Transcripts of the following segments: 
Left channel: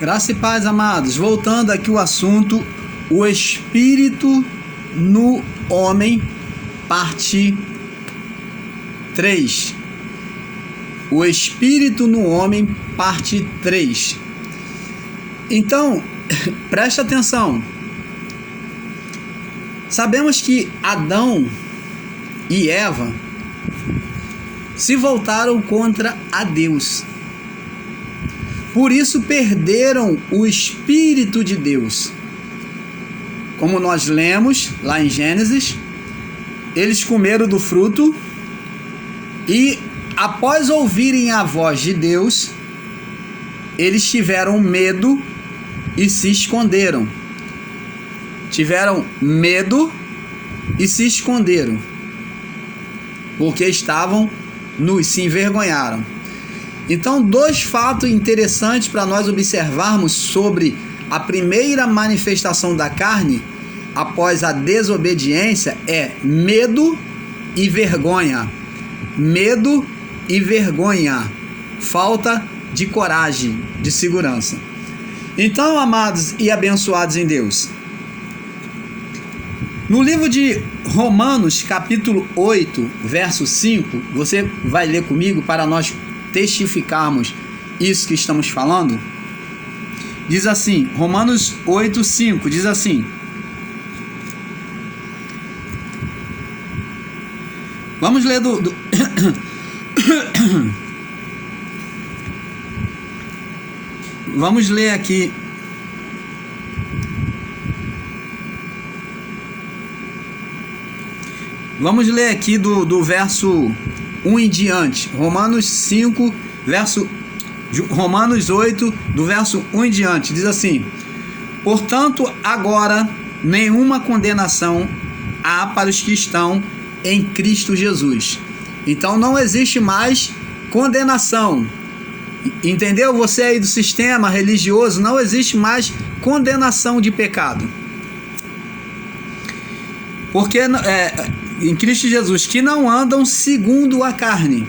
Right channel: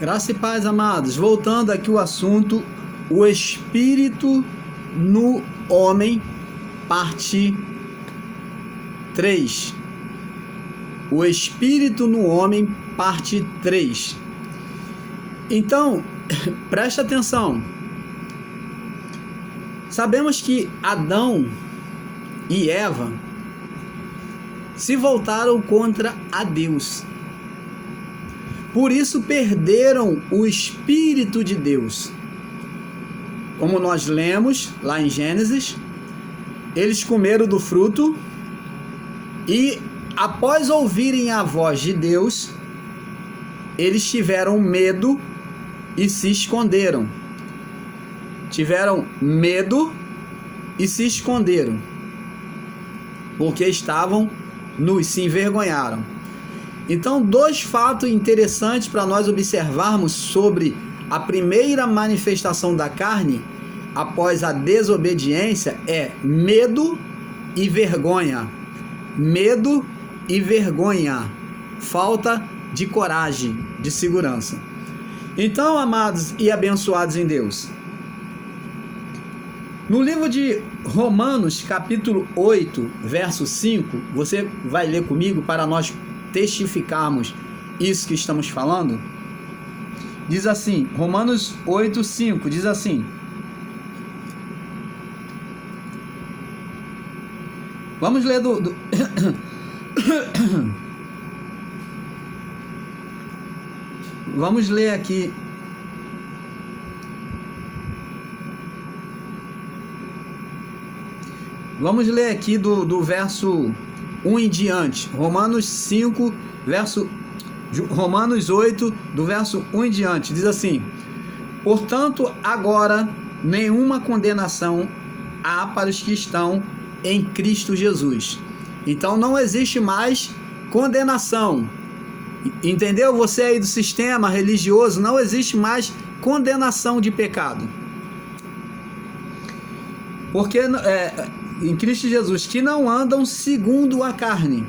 Graça e paz, amados. Voltando aqui o assunto, o Espírito no homem, parte 3. O Espírito no homem, parte 3. Então, preste atenção. Sabemos que Adão e Eva se voltaram contra a Deus. Por isso perderam o Espírito de Deus. Como nós lemos lá em Gênesis, eles comeram do fruto e, após ouvirem a voz de Deus, eles tiveram medo e se esconderam. Tiveram medo e se esconderam, porque estavam nus, se envergonharam. Então, dois fatos interessantes para nós observarmos sobre a primeira manifestação da carne após a desobediência é medo e vergonha. Medo e vergonha. Falta de coragem, de segurança. Então, amados e abençoados em Deus, no livro de Romanos, capítulo 8, verso 5, você vai ler comigo para nós testificarmos isso que estamos falando. Diz assim, Romanos 8, 5, diz assim: vamos ler vamos ler aqui. Vamos ler aqui do verso 1 em diante. Romanos 5, Romanos 8, do verso 1 em diante. Diz assim: portanto, agora nenhuma condenação há para os que estão em Cristo Jesus. Então não existe mais condenação. Entendeu? Você aí do sistema religioso, não existe mais condenação de pecado. Porque em Cristo Jesus, que não andam segundo a carne,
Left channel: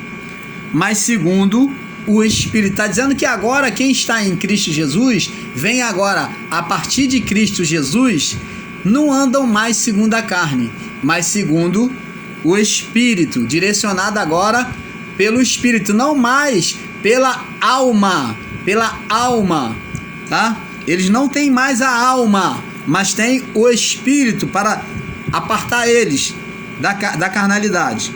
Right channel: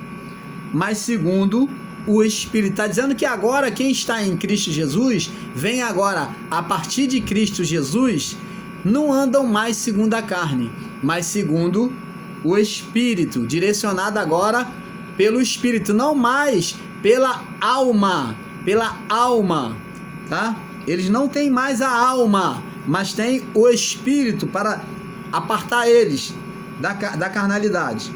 mas segundo o Espírito. Está dizendo que agora quem está em Cristo Jesus, vem agora a partir de Cristo Jesus, não andam mais segundo a carne, mas segundo o Espírito, direcionado agora pelo Espírito, não mais pela alma, tá? Eles não têm mais a alma, mas têm o Espírito para apartar eles da carnalidade.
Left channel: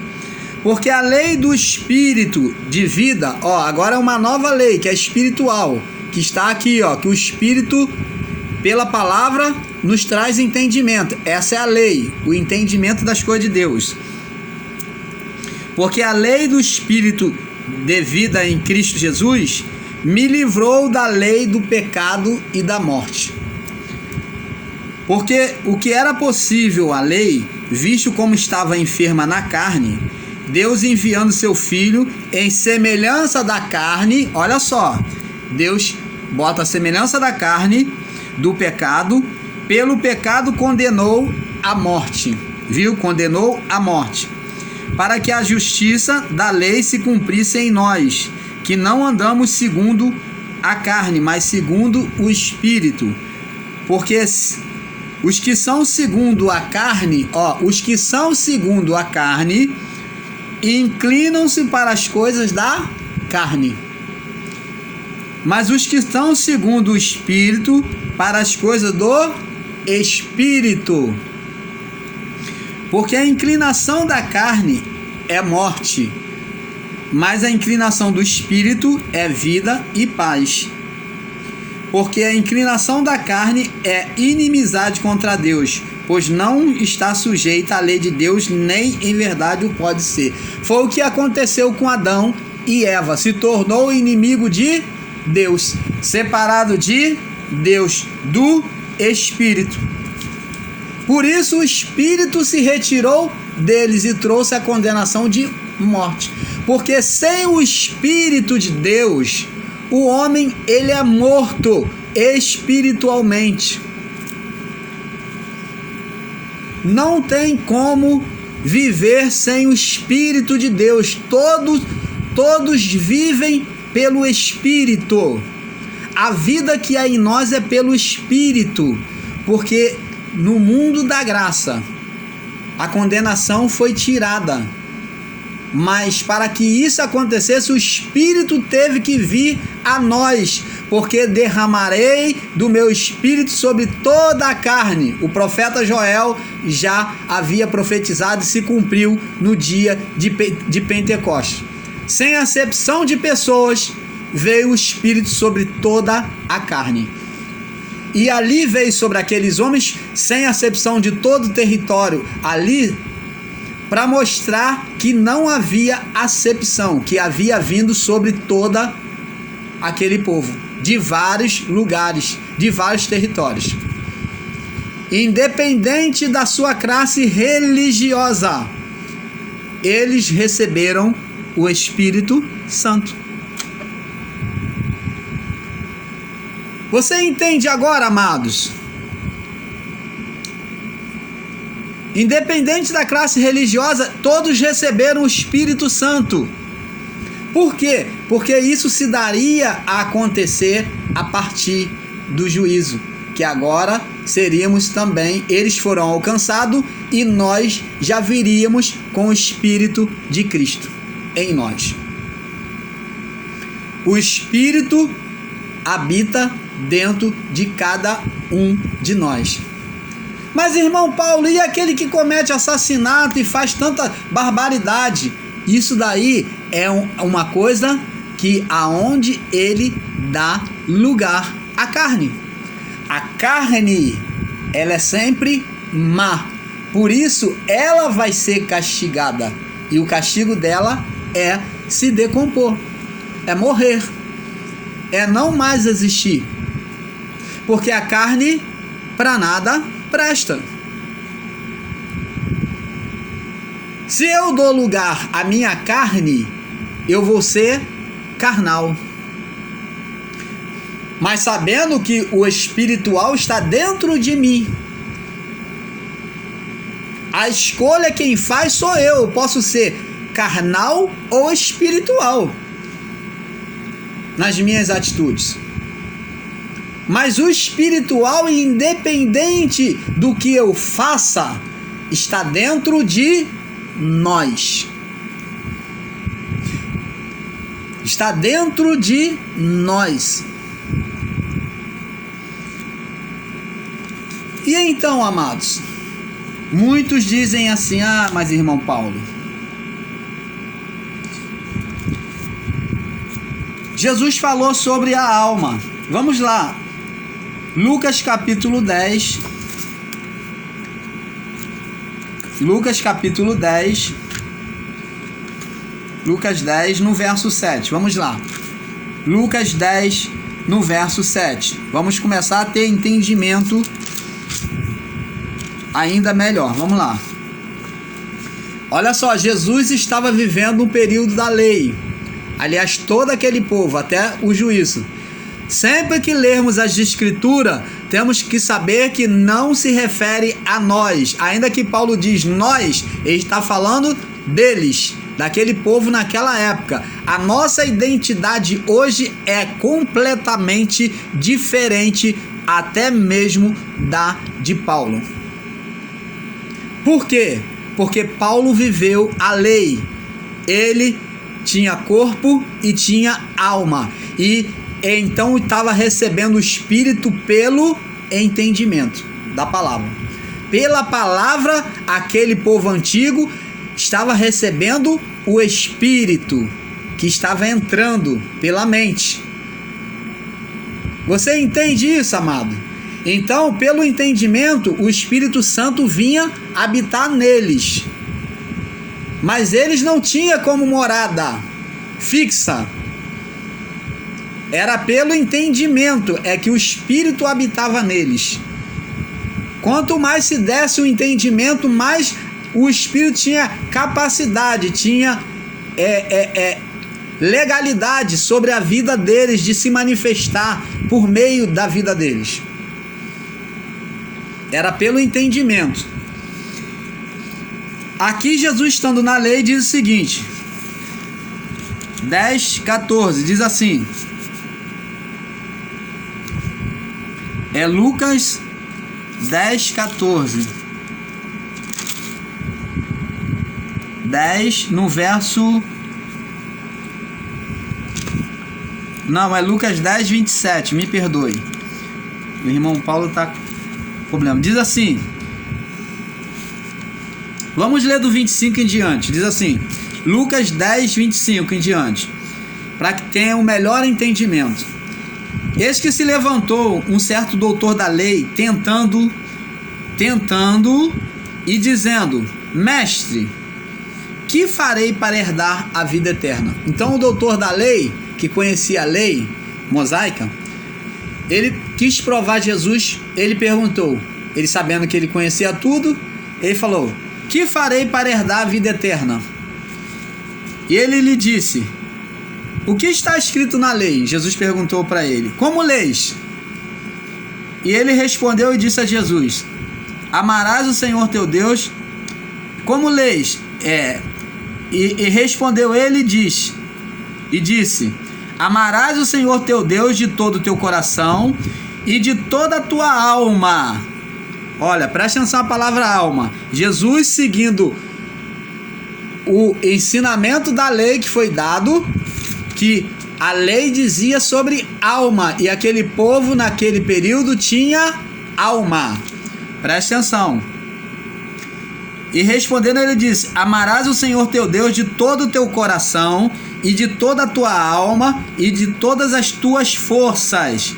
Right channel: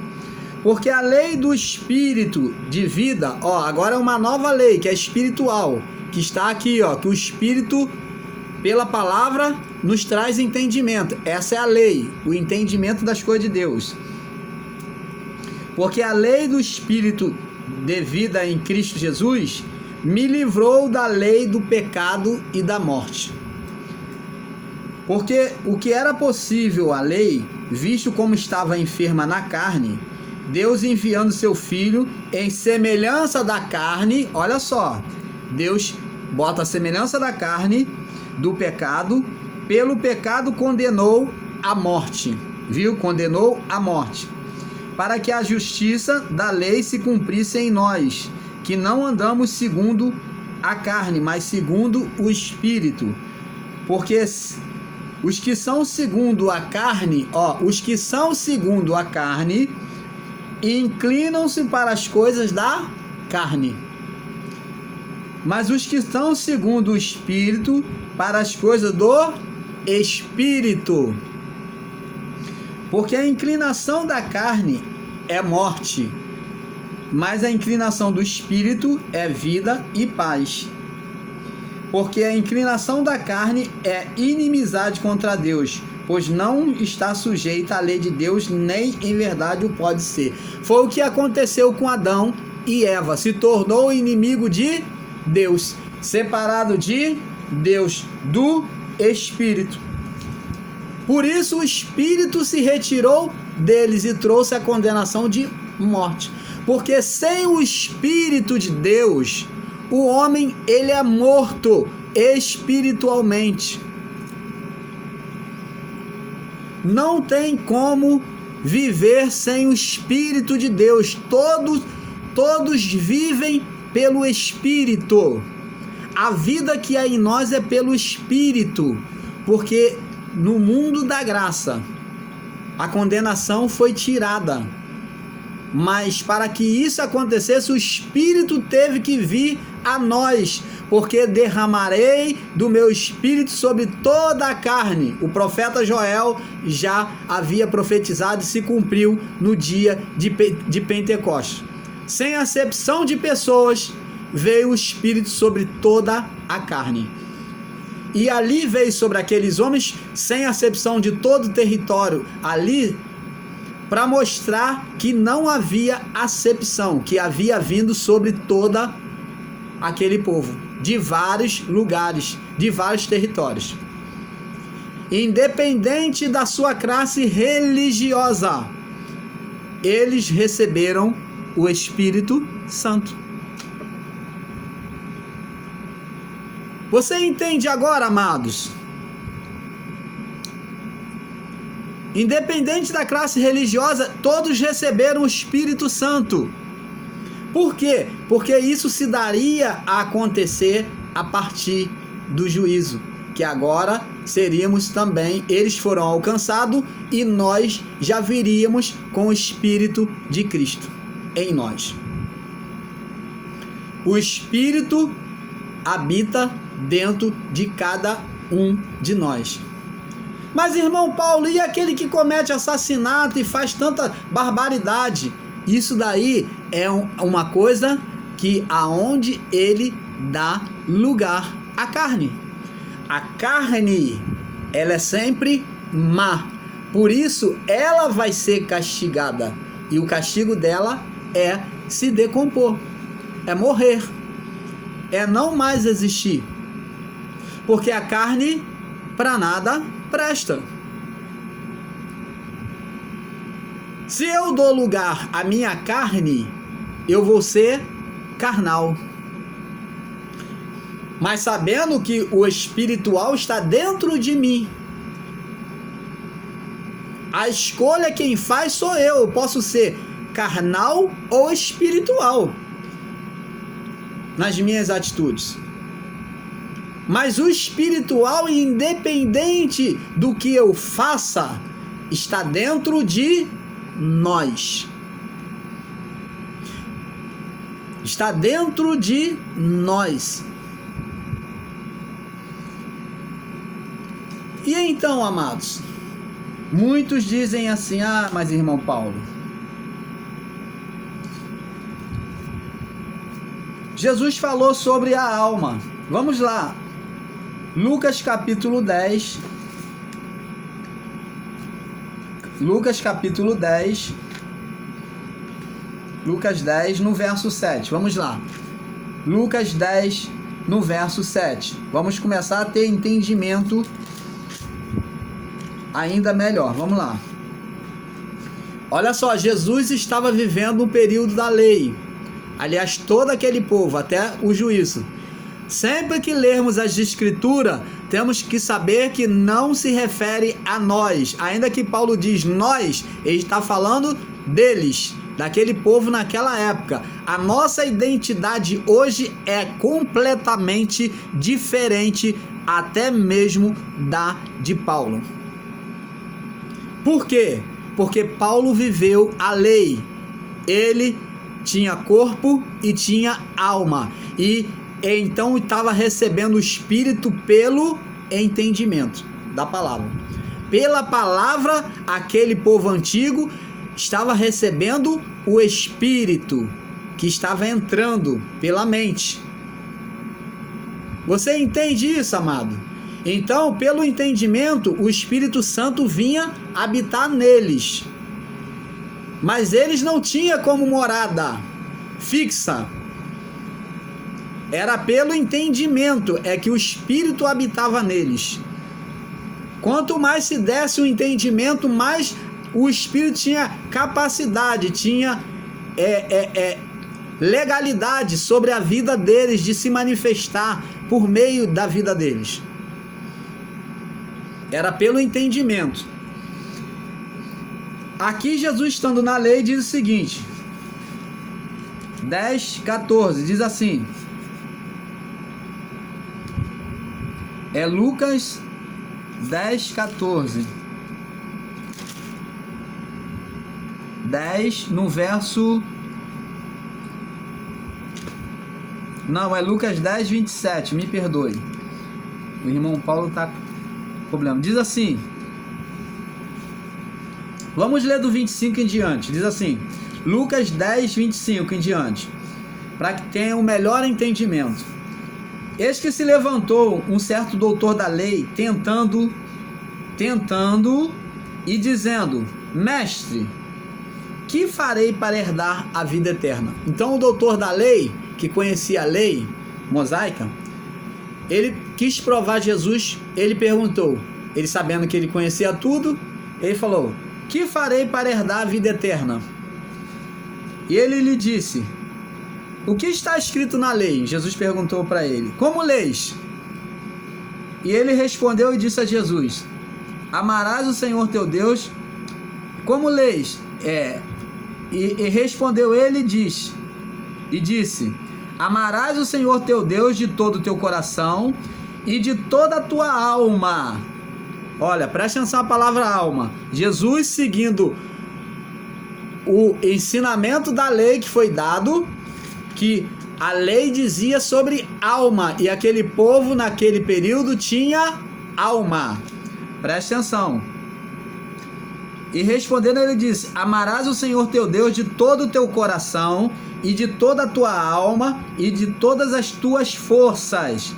Porque a lei do Espírito de vida, agora é uma nova lei, que é espiritual, que está aqui, que o Espírito, pela palavra, nos traz entendimento. Essa é a lei, o entendimento das coisas de Deus. Porque a lei do Espírito de vida em Cristo Jesus me livrou da lei do pecado e da morte. Porque o que era possível à lei, visto como estava enferma na carne, Deus enviando seu Filho em semelhança da carne, olha só, Deus bota a semelhança da carne, do pecado, pelo pecado condenou a morte, viu? Condenou a morte, para que a justiça da lei se cumprisse em nós, que não andamos segundo a carne, mas segundo o Espírito. Porque os que são segundo a carne, inclinam-se para as coisas da carne. Mas os que estão segundo o Espírito, para as coisas do Espírito. Porque a inclinação da carne é morte, mas a inclinação do Espírito é vida e paz. Porque a inclinação da carne é inimizade contra Deus, pois não está sujeita à lei de Deus, nem em verdade o pode ser. Foi o que aconteceu com Adão e Eva. Se tornou inimigo de Deus, separado de Deus, do Espírito. Por isso o Espírito se retirou deles e trouxe a condenação de morte. Porque sem o Espírito de Deus, o homem, ele é morto espiritualmente. Não tem como viver sem o Espírito de Deus. Todos vivem pelo Espírito. a vida que é em nós é pelo Espírito, porque no mundo da graça a condenação foi tirada. Mas para que isso acontecesse, o Espírito teve que vir a nós, porque derramarei do meu Espírito sobre toda a carne. O profeta Joel já havia profetizado e se cumpriu no dia de Pentecostes. Sem acepção de pessoas, veio o Espírito sobre toda a carne. E ali veio sobre aqueles homens, sem acepção de todo o território, ali para mostrar que não havia acepção, que havia vindo sobre toda aquele povo, de vários lugares, de vários territórios. Independente da sua classe religiosa, eles receberam o Espírito Santo. Você entende agora, amados? Independente da classe religiosa, todos receberam o Espírito Santo. Por quê? Porque isso se daria a acontecer a partir do juízo, que agora seríamos também, eles foram alcançados e nós já viríamos com o Espírito de Cristo em nós. O Espírito habita dentro de cada um de nós. Mas, irmão Paulo, e aquele que comete assassinato e faz tanta barbaridade? Isso daí é uma coisa que aonde ele dá lugar à carne. A carne, ela é sempre má. Por isso, ela vai ser castigada. E o castigo dela é se decompor, é morrer, é não mais existir. Porque a carne, para nada presta. Se eu dou lugar à minha carne, eu vou ser carnal. Mas sabendo que o espiritual está dentro de mim, a escolha quem faz sou eu. Eu posso ser carnal ou espiritual nas minhas atitudes. Mas o espiritual, independente do que eu faça, está dentro de nós. Está dentro de nós. E então, amados, muitos dizem assim: ah, mas irmão Paulo, Jesus falou sobre a alma. Vamos lá. Lucas capítulo 10. Lucas capítulo 10. Lucas 10 no verso 7. Vamos lá. Lucas 10 no verso 7. Vamos começar a ter entendimento ainda melhor. Vamos lá. Olha só, Jesus estava vivendo um período da lei. Aliás, todo aquele povo, até o juízo. Sempre que lermos as Escrituras, temos que saber que não se refere a nós. Ainda que Paulo diz nós, ele está falando deles, daquele povo naquela época. A nossa identidade hoje é completamente diferente, até mesmo da de Paulo. Por quê? Porque Paulo viveu a lei. Ele tinha corpo e tinha alma. E então estava recebendo o Espírito pelo entendimento da palavra. Pela palavra, aquele povo antigo estava recebendo o Espírito que estava entrando pela mente. Você entende isso, amado? Então, pelo entendimento, o Espírito Santo vinha habitar neles. Mas eles não tinham como morada fixa. Era pelo entendimento, é que o Espírito habitava neles. Quanto mais se desse o entendimento, mais o Espírito tinha capacidade, tinha legalidade sobre a vida deles, de se manifestar por meio da vida deles. Era pelo entendimento. Aqui Jesus, estando na lei, diz o seguinte, 10:14, diz assim: É Lucas 10, 14. 10 no verso... Não, é Lucas 10, 27, me perdoe. O irmão Paulo está com problema. Diz assim... Vamos ler do 25 em diante. Diz assim, Lucas 10, 25 em diante, para que tenha um melhor entendimento. Eis que se levantou um certo doutor da lei, tentando e dizendo, mestre, que farei para herdar a vida eterna? Então o doutor da lei, que conhecia a lei mosaica, ele quis provar Jesus. Ele perguntou, ele sabendo que ele conhecia tudo, ele falou, que farei para herdar a vida eterna? E ele lhe disse, o que está escrito na lei? Jesus perguntou para ele, como leis? E ele respondeu e disse a Jesus, amarás o Senhor teu Deus, como leis? E respondeu ele e disse, amarás o Senhor teu Deus de todo o teu coração e de toda a tua alma. Olha, presta atenção a palavra alma. Jesus, seguindo o ensinamento da lei que foi dado, que a lei dizia sobre alma, e aquele povo naquele período tinha alma. Presta atenção. E respondendo ele disse, amarás o Senhor teu Deus de todo o teu coração e de toda a tua alma e de todas as tuas forças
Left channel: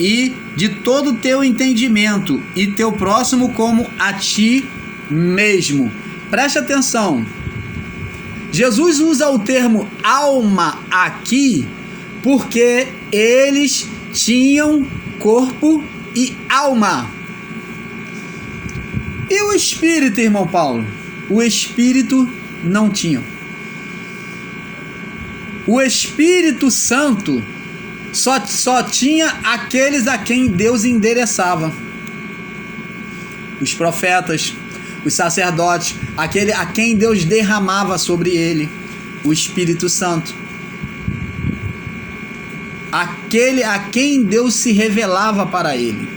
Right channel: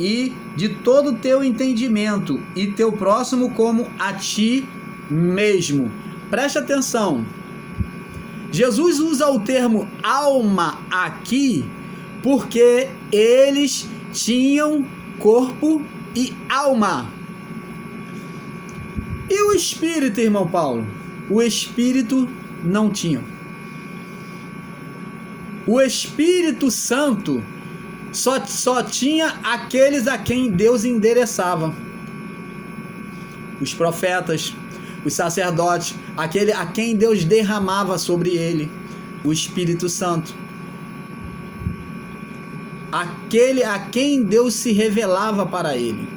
e de todo o teu entendimento, e teu próximo como a ti mesmo. Preste atenção. Jesus usa o termo alma aqui porque eles tinham corpo e alma. E o espírito, irmão Paulo? O espírito não tinha. O Espírito Santo só tinha aqueles a quem Deus endereçava. Os profetas, os sacerdotes, aquele a quem Deus derramava sobre ele o Espírito Santo. Aquele a quem Deus se revelava para ele.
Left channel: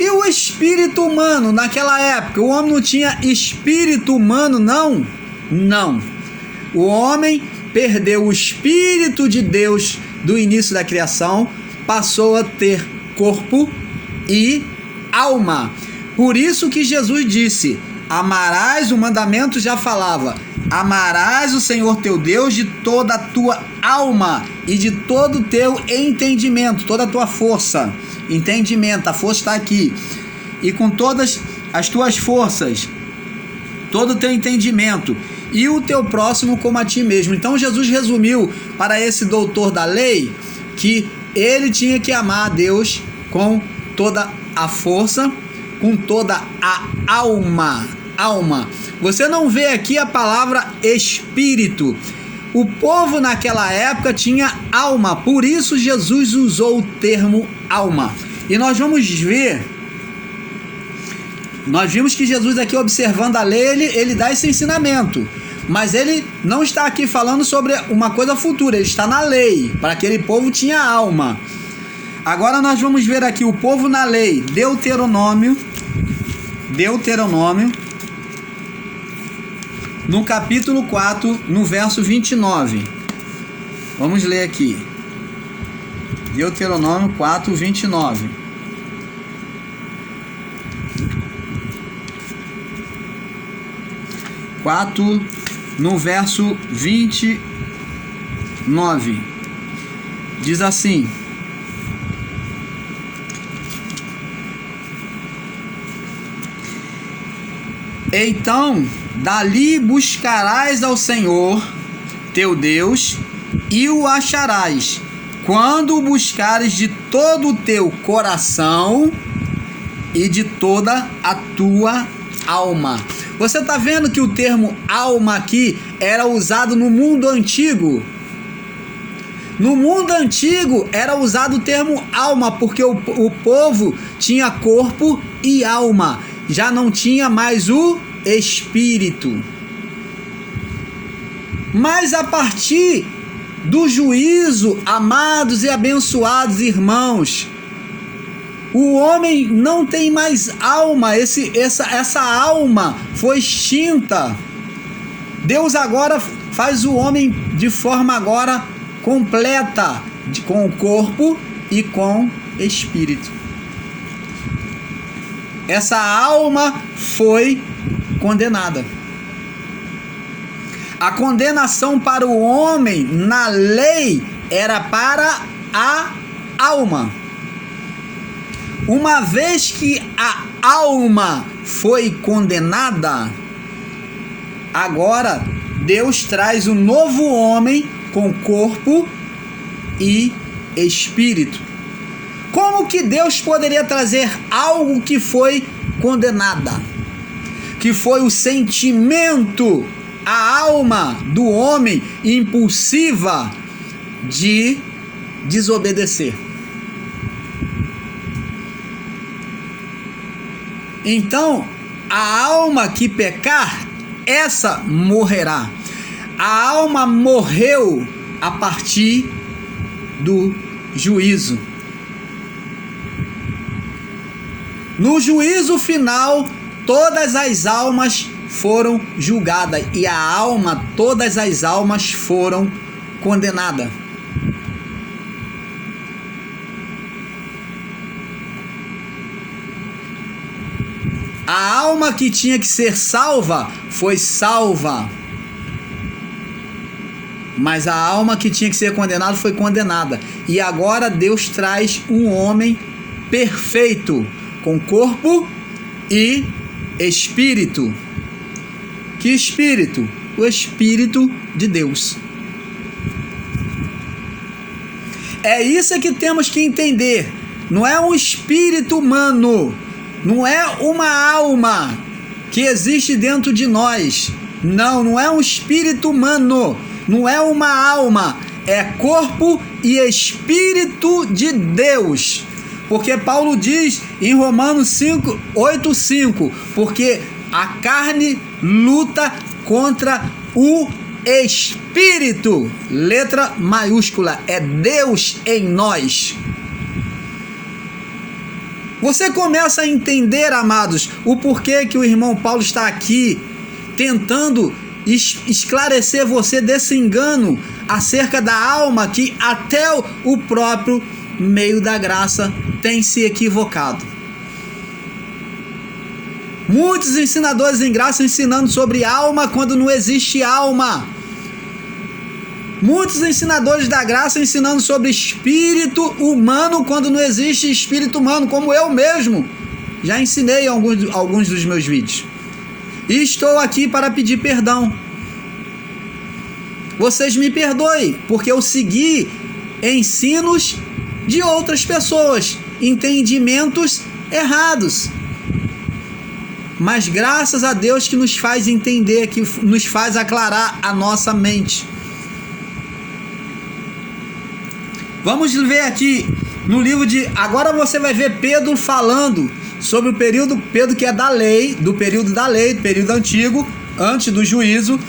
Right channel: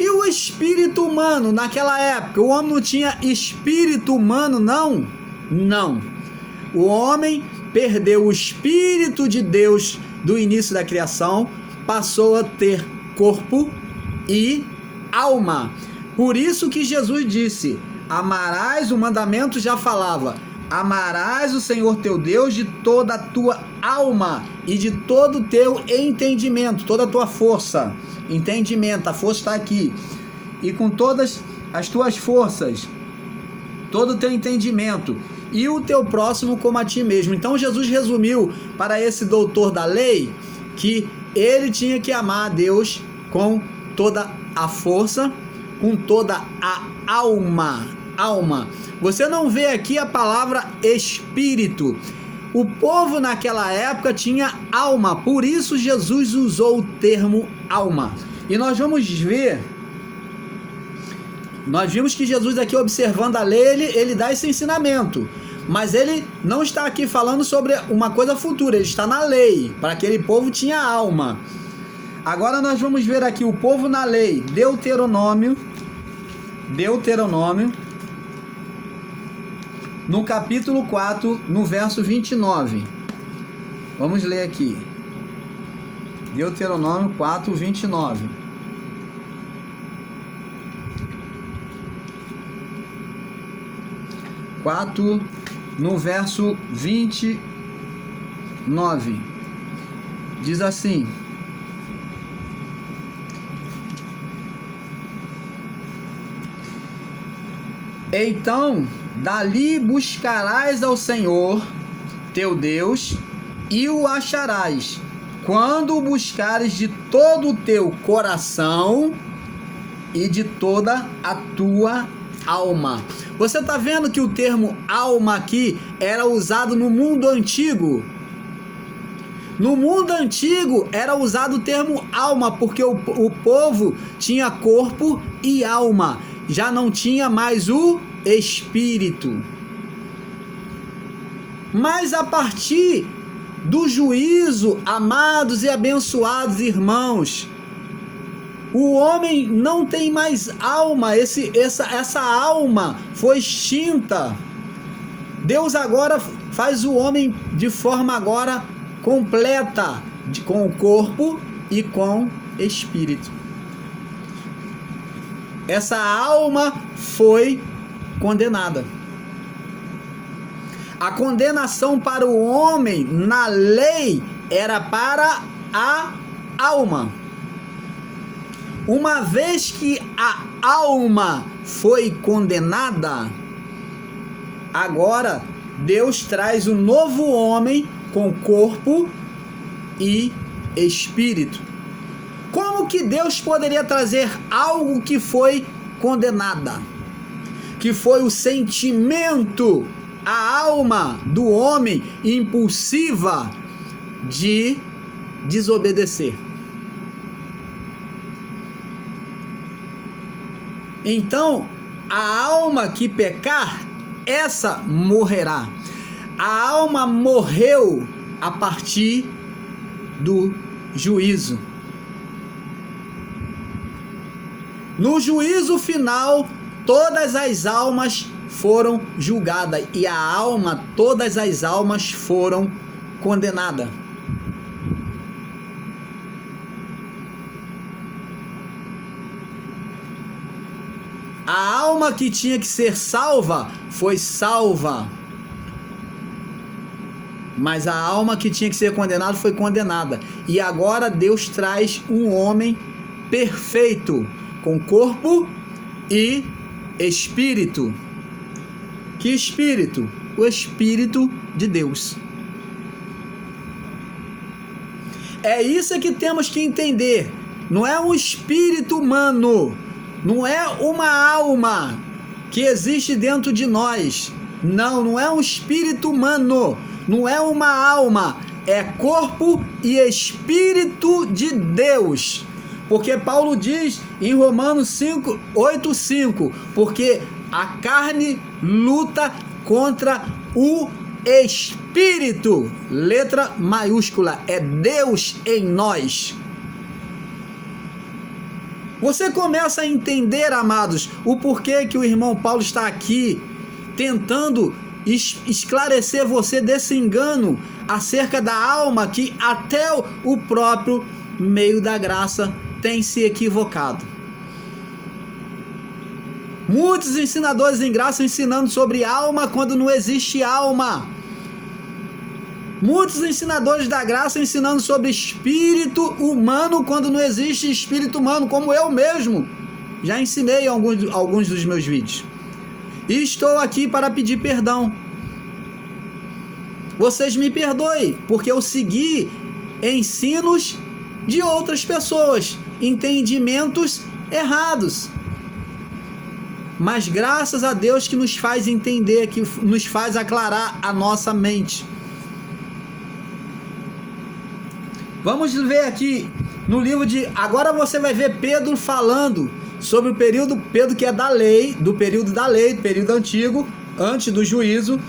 E o espírito humano naquela época? O homem não tinha espírito humano, não? Não. O homem perdeu o Espírito de Deus do início da criação, passou a ter corpo e alma. Por isso que Jesus disse, amarás, o mandamento já falava, amarás o Senhor teu Deus de toda a tua alma e de todo o teu entendimento, toda a tua força. Entendimento, a força está aqui. E com todas as tuas forças, todo o teu entendimento, e o teu próximo como a ti mesmo. Então Jesus resumiu para esse doutor da lei que ele tinha que amar a Deus com toda a força, com toda a alma. Você não vê aqui a palavra espírito. O povo naquela época tinha alma, por isso Jesus usou o termo alma. E nós vamos ver, nós vimos que Jesus aqui, observando a lei, ele dá esse ensinamento. Mas ele não está aqui falando sobre uma coisa futura, ele está na lei. Para aquele povo tinha alma. Agora nós vamos ver aqui o povo na lei. Deuteronômio, no capítulo 4, no verso 29. Vamos ler aqui. Deuteronômio 4, 29. No verso 29, diz assim: então dali buscarás ao Senhor teu Deus e o acharás, quando o buscares de todo o teu coração e de toda a tua alma. Você está vendo que o termo alma aqui era usado no mundo antigo? No mundo antigo era usado o termo alma, porque o povo tinha corpo e alma, já não tinha mais o espírito. Mas a partir do juízo, amados e abençoados irmãos, o homem não tem mais alma, essa alma foi extinta. Deus agora faz o homem de forma agora completa, com o corpo e com espírito. Essa alma foi condenada. A condenação para o homem na lei era para a alma. Uma vez que a alma foi condenada, agora Deus traz um novo homem com corpo e espírito. Como que Deus poderia trazer algo que foi condenada? Que foi o sentimento, a alma do homem impulsiva de desobedecer. Então, a alma que pecar, essa morrerá. A alma morreu a partir do juízo. No juízo final, todas as almas foram julgadas e todas as almas foram condenadas. A alma que tinha que ser salva foi salva, mas a alma que tinha que ser condenada foi condenada. E agora Deus traz um homem perfeito, com corpo e espírito. Que espírito? O Espírito de Deus. É isso que temos que entender. Não é um espírito humano, não é uma alma que existe dentro de nós. Não é um espírito humano, não é uma alma, é corpo e espírito de Deus. Porque Paulo diz em Romanos 8:5, porque a carne luta contra o espírito, letra maiúscula, é Deus em nós. Você começa a entender, amados, o porquê que o irmão Paulo está aqui tentando esclarecer você desse engano acerca da alma que até o próprio meio da graça tem se equivocado. Muitos ensinadores em graça ensinando sobre alma quando não existe alma. Muitos ensinadores da graça ensinando sobre espírito humano quando não existe espírito humano, como eu mesmo já ensinei em alguns dos meus vídeos. E estou aqui para pedir perdão. Vocês me perdoem, porque eu segui ensinos de outras pessoas, entendimentos errados. Mas graças a Deus que nos faz entender, que nos faz aclarar a nossa mente. Vamos ver aqui no livro de... Agora você vai ver Pedro falando sobre o período, Pedro que é da lei, do período da lei, do período antigo, antes do juízo.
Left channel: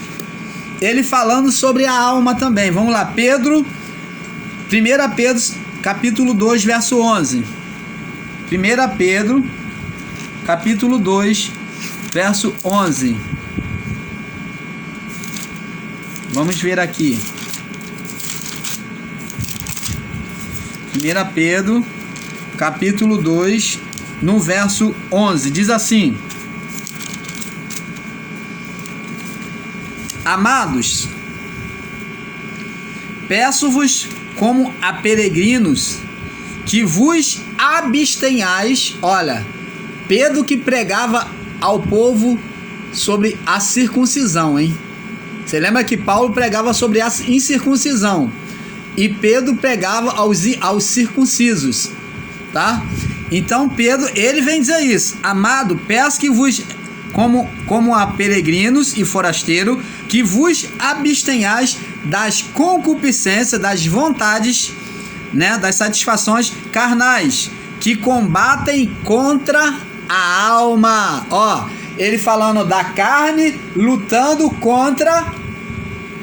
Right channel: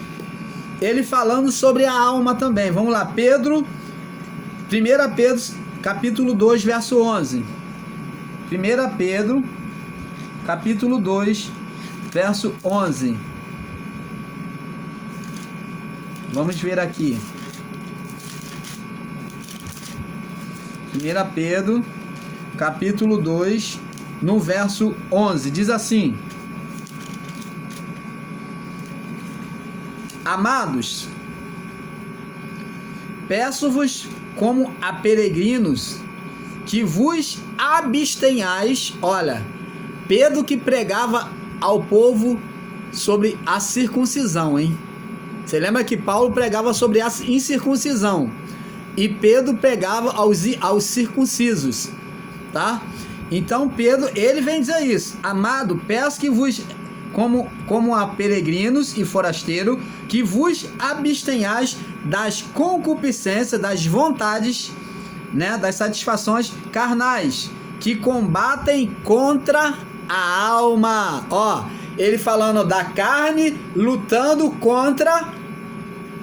Ele falando sobre a alma também. Vamos lá, 1 Pedro, capítulo 2, verso 11. 1 Pedro, capítulo 2, verso 11. Vamos ver aqui. 1 Pedro, capítulo 2, no verso 11. Diz assim: Amados, peço-vos como a peregrinos que vos abstenhais. Olha, Pedro que pregava ao povo sobre a circuncisão, hein? Você lembra que Paulo pregava sobre a incircuncisão e Pedro pregava aos circuncisos, tá? Então Pedro, ele vem dizer isso: amado, peço que vos, como a peregrinos e forasteiros, que vos abstenhais das concupiscências, das vontades, né, das satisfações carnais, que combatem contra a alma. Ó, ele falando da carne lutando contra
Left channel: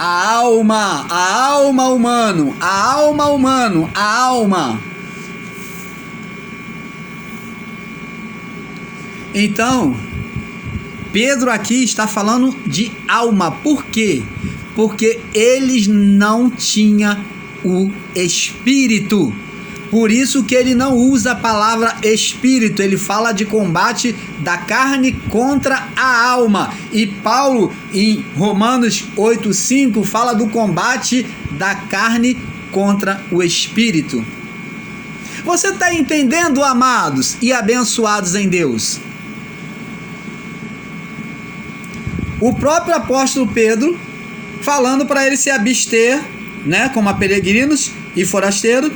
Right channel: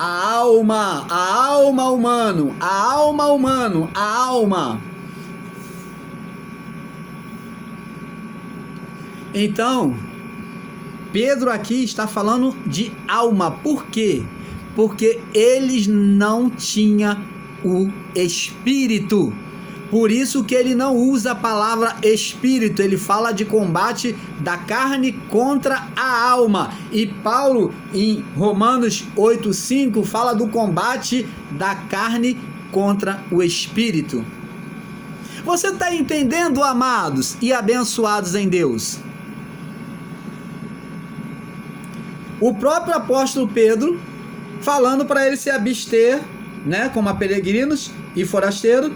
A alma humano, a alma humano, a alma. Então, Pedro aqui está falando de alma. Por quê? Porque eles não tinham o Espírito. Por isso que ele não usa a palavra espírito, ele fala de combate da carne contra a alma. E Paulo, em Romanos 8,5, fala do combate da carne contra o espírito. Você está entendendo, amados e abençoados em Deus? O próprio apóstolo Pedro, falando para ele se abster, né, como a peregrinos e forasteiros,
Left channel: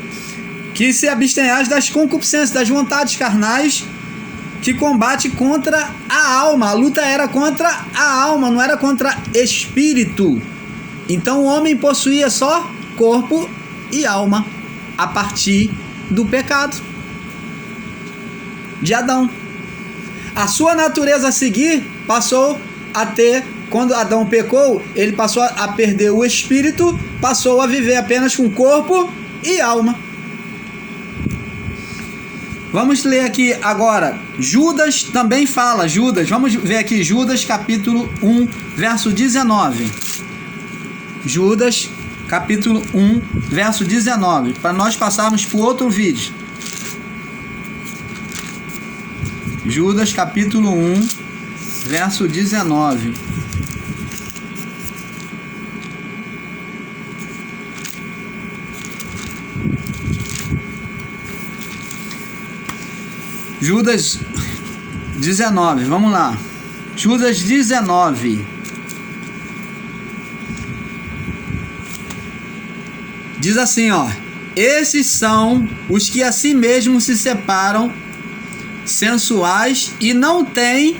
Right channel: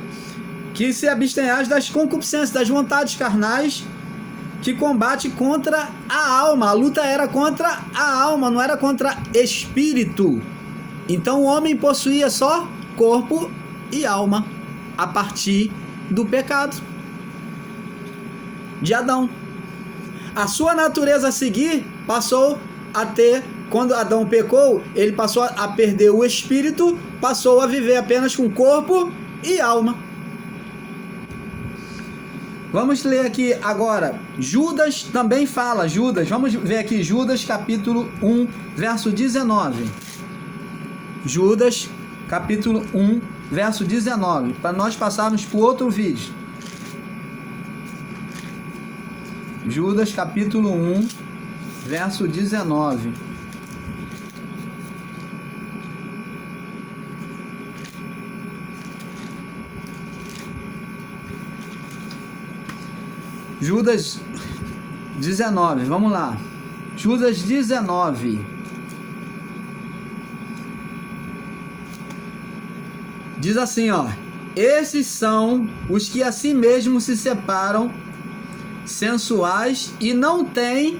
que se abstenhais das concupiscências, das vontades carnais, que combate contra a alma. A luta era contra a alma, não era contra espírito. Então o homem possuía só corpo e alma a partir do pecado de Adão. A sua natureza a seguir passou a ter, quando Adão pecou, ele passou a perder o espírito, passou a viver apenas com corpo e alma. Vamos ler aqui agora, Judas também fala, vamos ver aqui, Judas capítulo 1, verso 19. Judas capítulo 1, verso 19, para nós passarmos para o outro vídeo. Judas capítulo 1, verso 19. Judas 19, vamos lá. Judas 19. Diz assim, ó: esses são os que a si mesmos se separam, sensuais, e não têm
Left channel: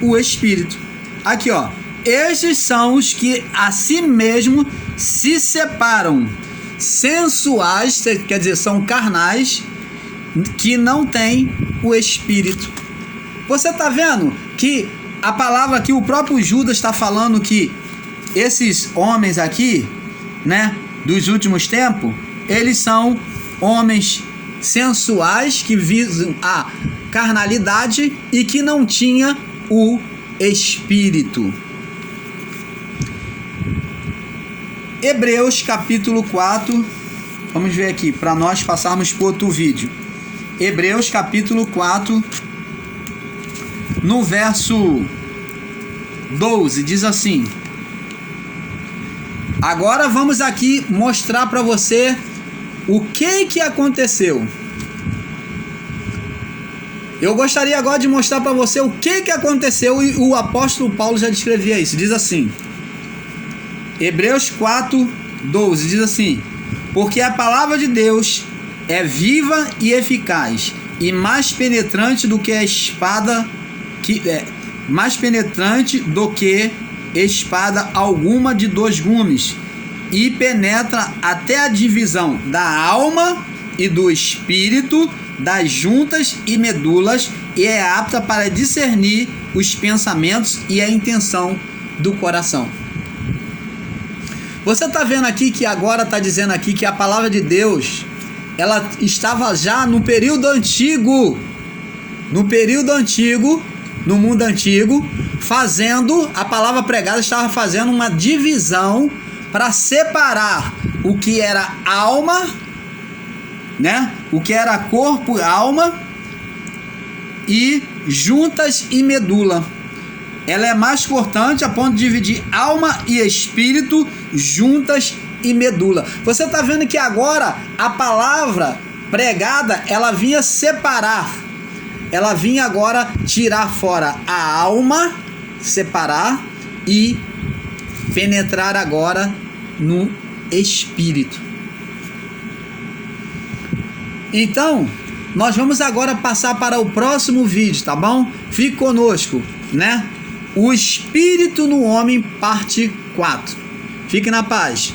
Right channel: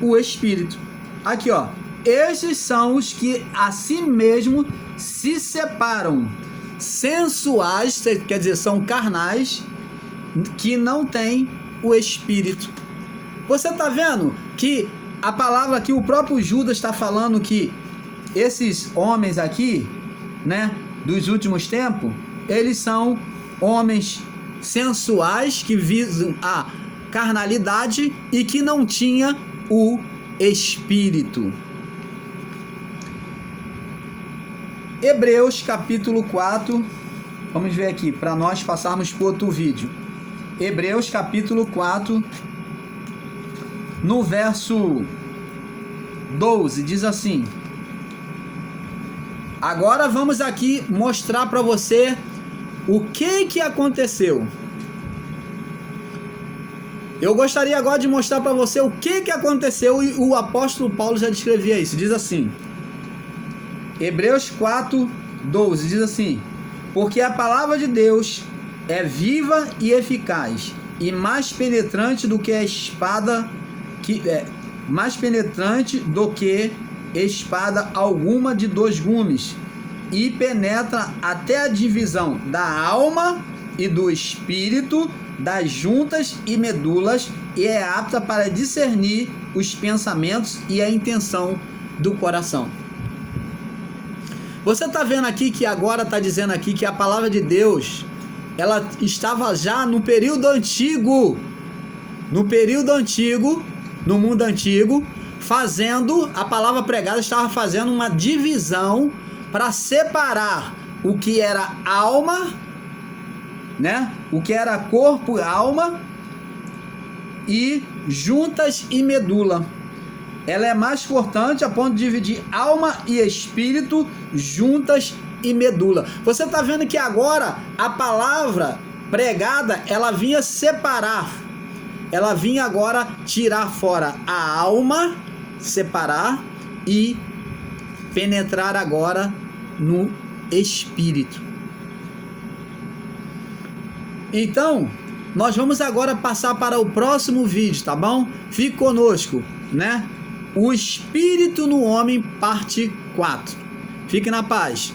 o Espírito. Aqui, ó: esses são os que a si mesmos se separam, sensuais, quer dizer, são carnais, que não tem o Espírito. Você está vendo que a palavra que o próprio Judas está falando, que esses homens aqui, né, dos últimos tempos, eles são homens sensuais que visam a carnalidade e que não tinha o Espírito. Hebreus capítulo 4, vamos ver aqui, para nós passarmos para outro vídeo. Hebreus capítulo 4, no verso 12, diz assim: agora vamos aqui mostrar para você o que aconteceu. Eu gostaria agora de mostrar para você o que aconteceu, e o apóstolo Paulo já descrevia isso. Diz assim, Hebreus 4, 12, diz assim: porque a palavra de Deus é viva e eficaz, e mais penetrante do que a espada, mais penetrante do que espada alguma de dois gumes, e penetra até a divisão da alma e do espírito, das juntas e medulas, e é apta para discernir os pensamentos e a intenção do coração. Você está vendo aqui que agora está dizendo aqui que a palavra de Deus, ela estava já no período antigo, no mundo antigo, fazendo, a palavra pregada estava fazendo uma divisão para separar o que era alma, né? O que era corpo e alma, e juntas e medula. Ela é mais cortante a ponto de dividir alma e espírito, juntas e medula. Você está vendo que agora a palavra pregada, ela vinha separar, ela vinha agora tirar fora a alma, separar, e penetrar agora no espírito. Então, nós vamos agora passar para o próximo vídeo, tá bom? Fique conosco, né? O Espírito no Homem, parte 4. Fique na paz.